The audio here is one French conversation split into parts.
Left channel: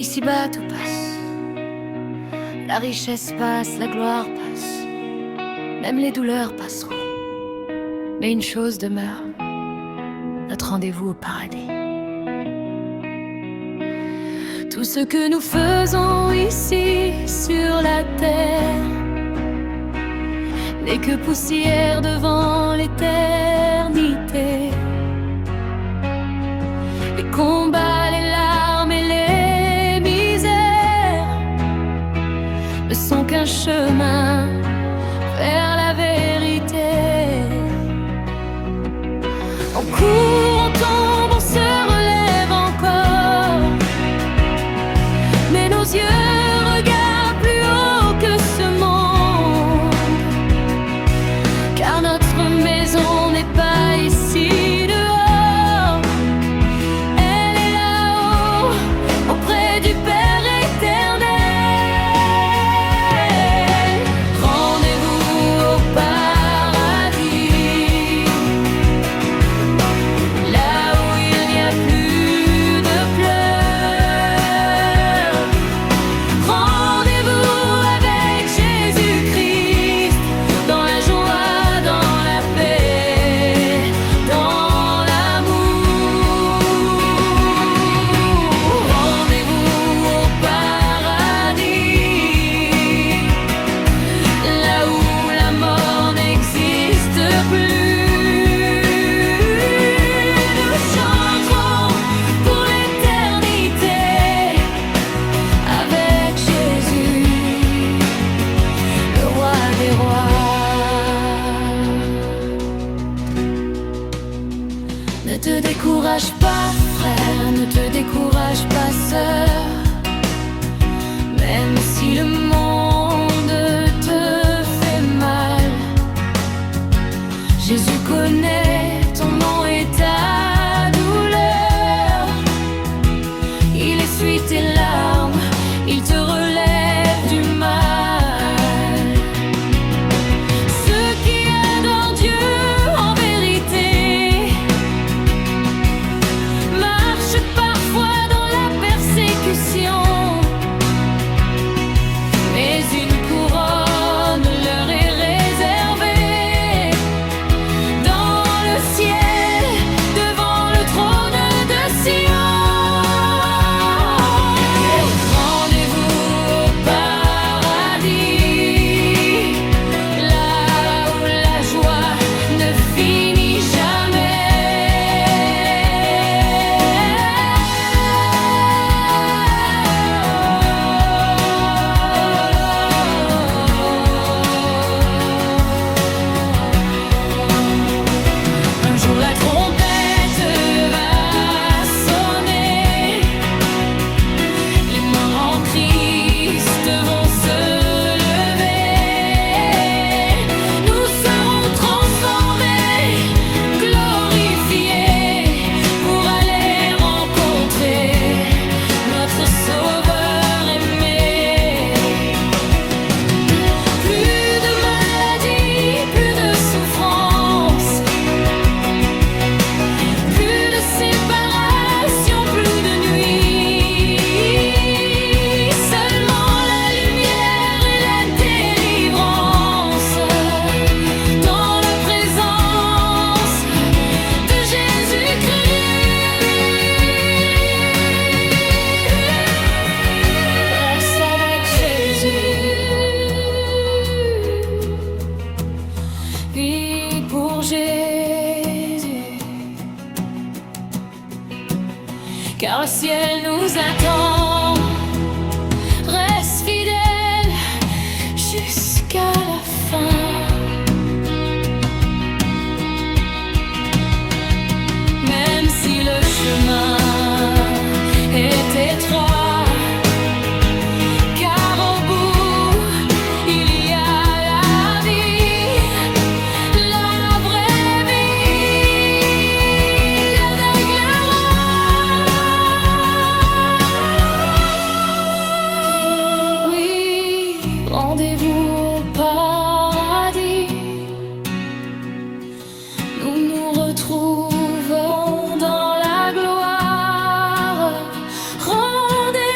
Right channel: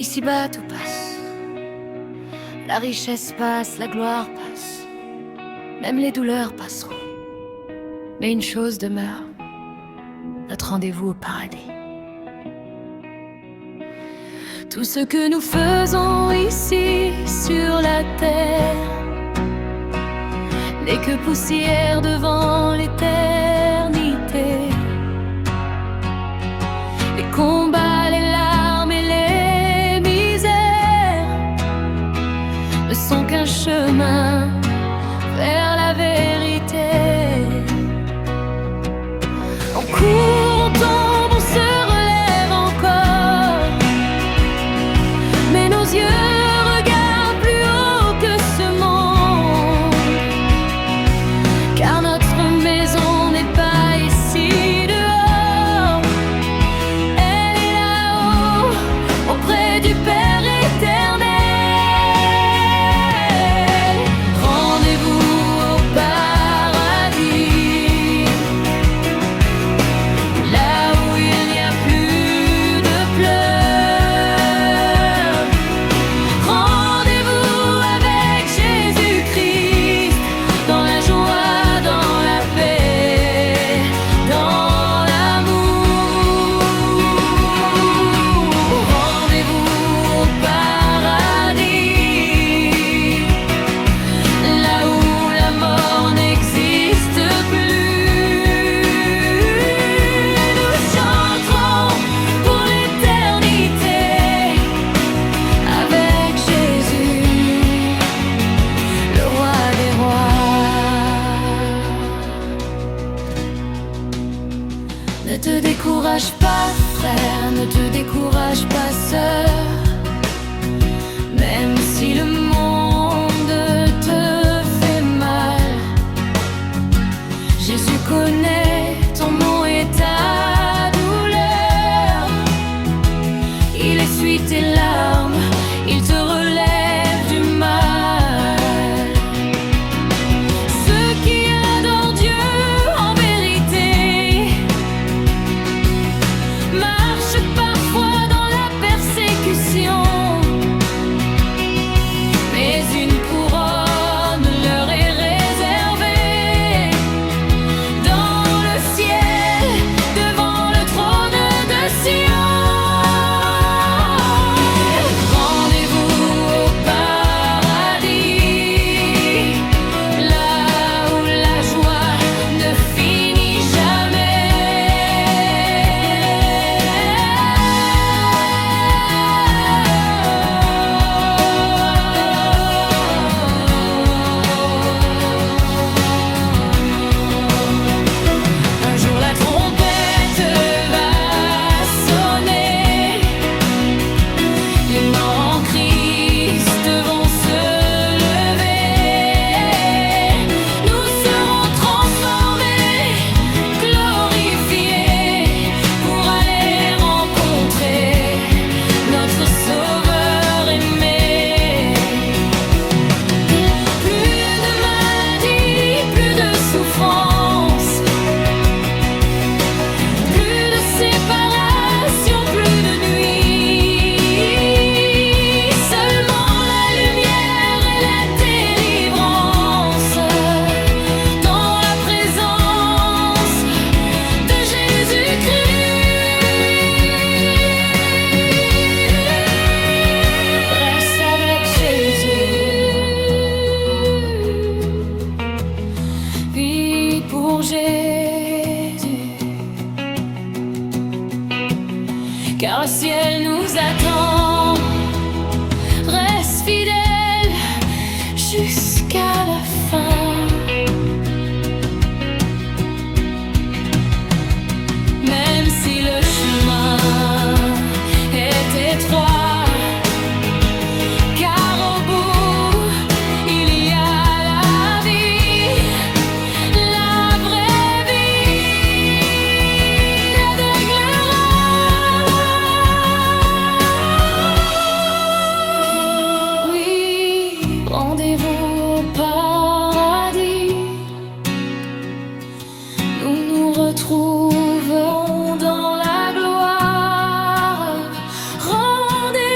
Ici-bas tout passe, la richesse passe, la gloire passe, même les douleurs passeront. Mais une chose demeure, notre rendez-vous au paradis. Tout ce que nous faisons ici sur la terre n'est que poussière devant l'éternité. Les combats, les larmes et les misères ne sont qu'un chemin vers la vérité. On court, on tombe, on se relève encore, mais nos yeux regardent plus haut que ce monde, car notre maison n'est pas ici dehors, elle est là-haut, auprès du Père éternel. Rendez-vous au paradis, là où il n'y a plus de pleurs. Rendez-vous avec Jésus-Christ, dans la joie, dans la paix, dans l'amour. Rendez-vous au paradis, là où la mort n'existe plus. Nous chanterons pour l'éternité avec Jésus, le roi des rois. Ne te décourage pas, frère, ne te décourage pas, sœur. Même si le monde te fait mal, Jésus connaît ton nom et ta douleur. Il essuie tes larmes, il te relève du mal. Ceux qui adorent Dieu en vérité marchent parfois dans la persécution, mais une couronne leur est réservée dans le ciel, devant le trône de Sion. Rendez-vous au paradis, là où la joie ne finit jamais. Un jour la trompette va sonner, les morts en Christ vont se lever. Nous serons transformés, glorifiés, pour aller rencontrer notre Sauveur aimé. Plus de maladie, plus de souffrance, plus de séparation, plus de nuit. Seulement la lumière et la délivrance dans la présence de Jésus-Christ. Reste avec Jésus, vis pour Jésus, car le ciel nous attend. Reste fidèle jusqu'à la fin, même si le chemin est étroit, car au bout il y a la vie, la vraie vie d'aigle roi. Oui, rendez-vous au paradis, nous nous retrouverons dans la gloire. Rendez-vous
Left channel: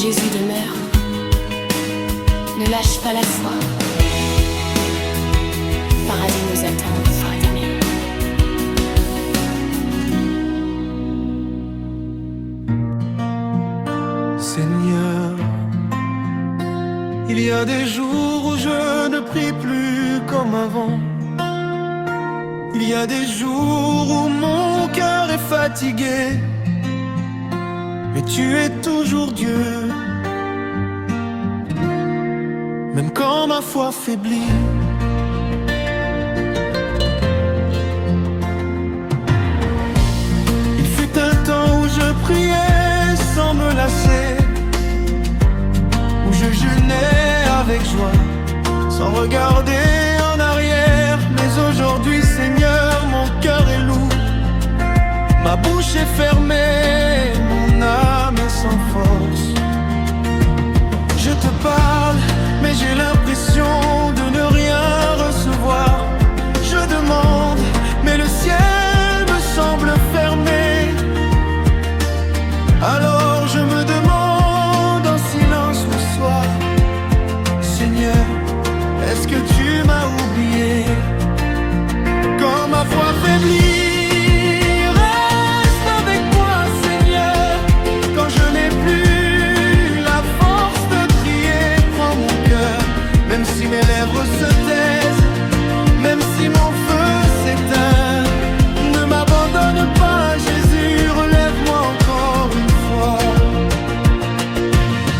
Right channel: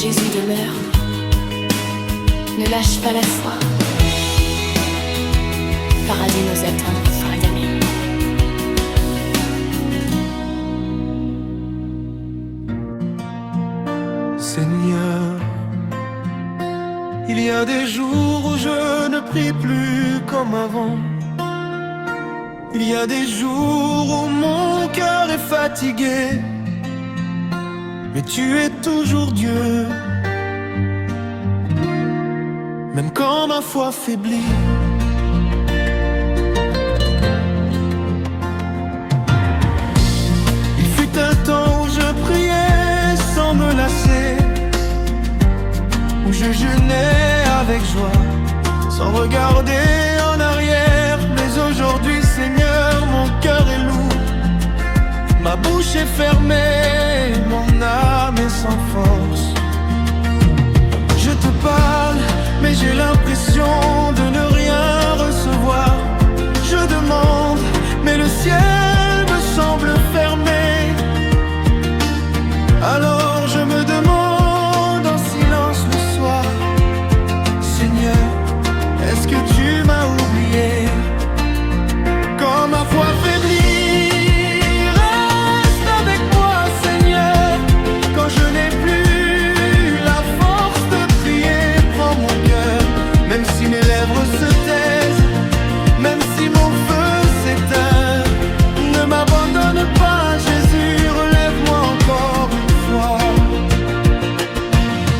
Jésus demeure. Ne lâche pas la foi. Paradis nous attend, frères amis. Seigneur, il y a des jours où je ne prie plus comme avant. Il y a des jours où mon cœur est fatigué, mais tu es toujours Dieu. Même quand ma foi faiblit, il fut un temps où je priais sans me lasser, où je jeûnais avec joie, sans regarder en arrière. Mais aujourd'hui, Seigneur, mon cœur est lourd, ma bouche est fermée, mon âme est sans force. Je te parle, mais j'ai l'impression de ne rien recevoir. Je demande, mais le ciel me semble fermé. Alors je me demande en silence le soir, Seigneur, est-ce que tu m'as oublié? Quand ma foi faiblit, reste avec moi, Seigneur. Quand je n'ai plus la force de prier, prends mon cœur. Même si mes lèvres se taisent, même si mon feu s'éteint, ne m'abandonne pas, Jésus, relève-moi encore une fois.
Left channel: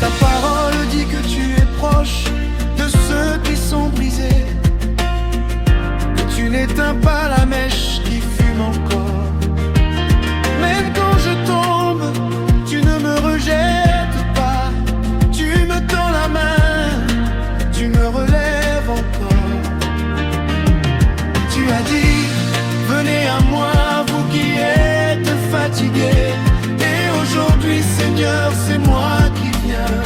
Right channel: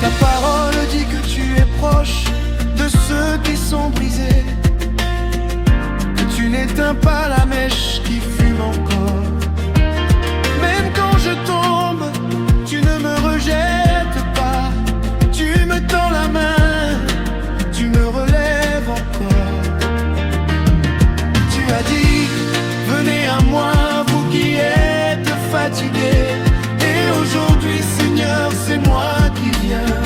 Ta parole dit que tu es proche de ceux qui sont brisés, que tu n'éteins pas la mèche qui fume encore. Même quand je tombe, tu ne me rejettes pas, tu me tends la main, tu me relèves encore. Tu as dit, venez à moi, vous qui êtes fatigués. Et aujourd'hui, Seigneur, c'est moi qui viens.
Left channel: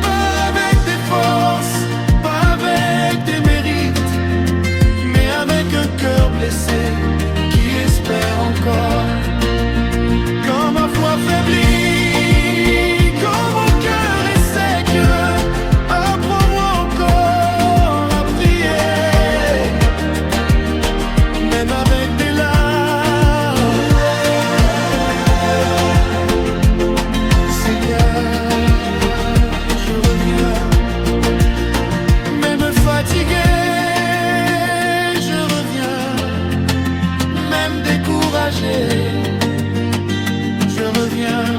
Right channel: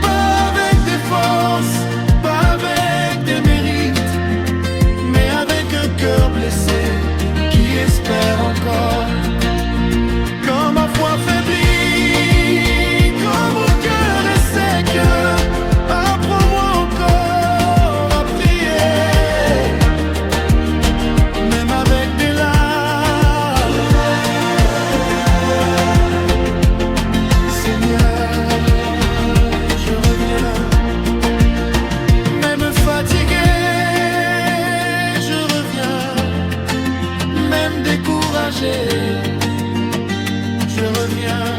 Pas avec des forces, pas avec des mérites, mais avec un cœur blessé qui espère encore. Quand ma foi faiblit, quand mon cœur est sec, apprends-moi encore à prier. Même avec des larmes, Seigneur, je reviens. Même fatigué, je reviens. Même découragé, je reviens.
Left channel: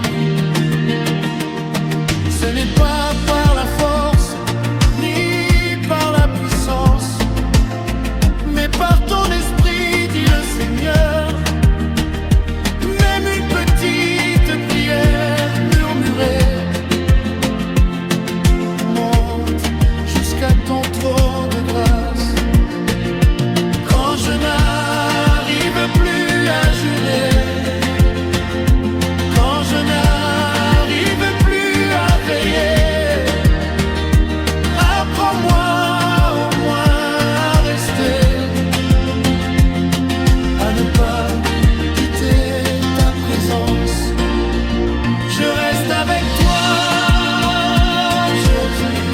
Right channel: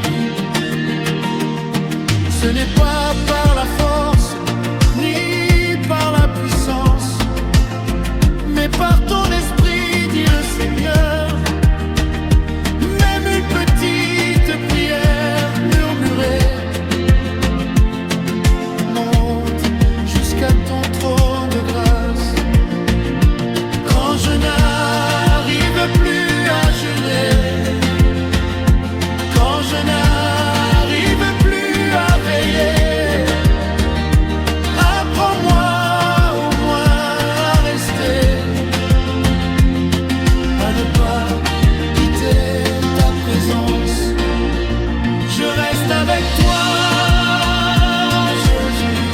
Ce n'est pas par la force, ni par la puissance, mais par ton esprit, dit le Seigneur. Même une petite prière murmurée monte jusqu'à ton trône de grâce. Quand je n'arrive plus à jeûner, quand je n'arrive plus à veiller, apprends-moi au moins à rester, à ne pas quitter ta présence. Je reste avec toi, Jésus,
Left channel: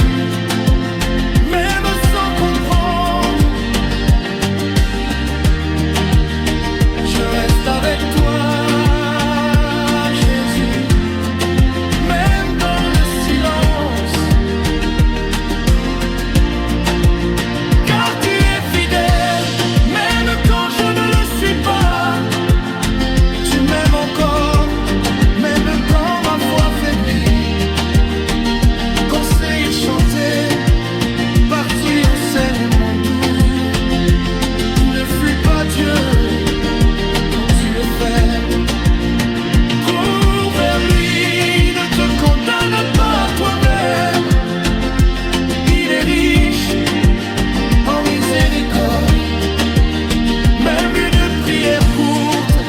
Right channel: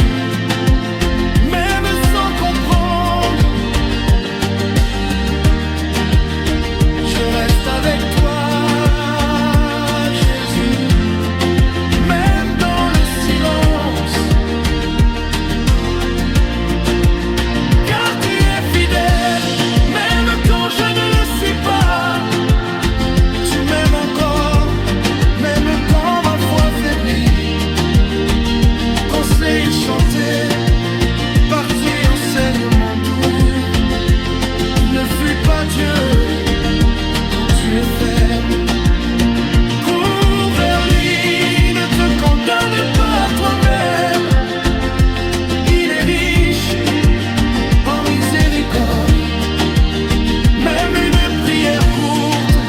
même sans comprendre. Je reste avec toi, Jésus, même dans le silence, car tu es fidèle, même quand je ne le suis pas. Tu m'aimes encore, même quand ma foi faiblit. Conseil chanté, parti enseignement doux. Ne fuis pas Dieu, dont tu es faible. Cours vers lui, ne te condamne pas toi-même. Il est riche en miséricorde. Même une prière courte,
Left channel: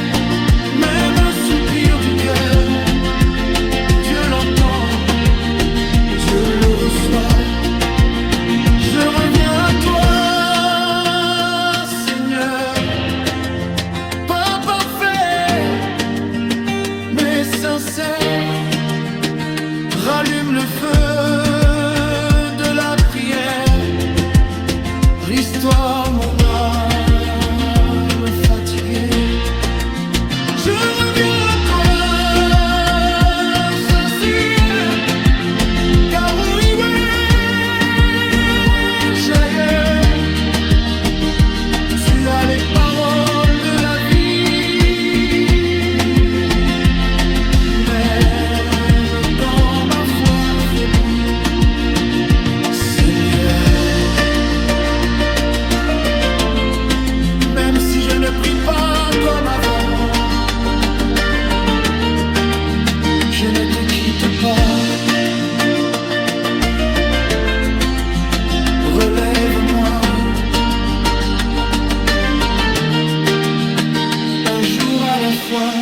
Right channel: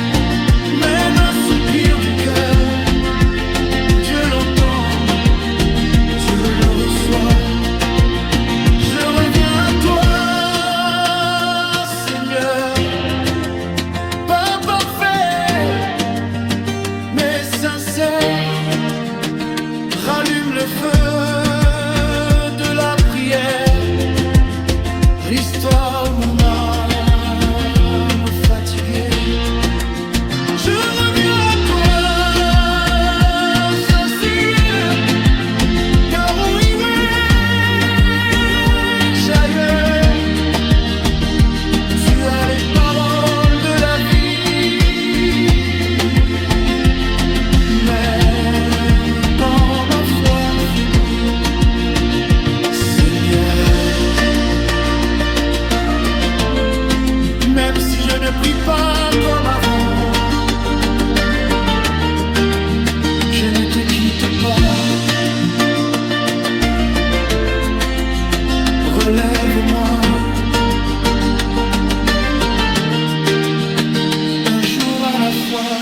même un soupir du cœur, Dieu l'entend, Dieu le reçoit. Je reviens à toi, Seigneur, pas parfait, mais sincère. rallume le feu de la prière, restaure mon âme fatiguée. Je reviens à toi, sincère, car où irais-je ailleurs? Tu as les paroles de la vie, même quand ma foi faiblit, Seigneur. Même si je ne prie pas comme avant, je ne te quitte pas. Relève-moi, un jour à la fois.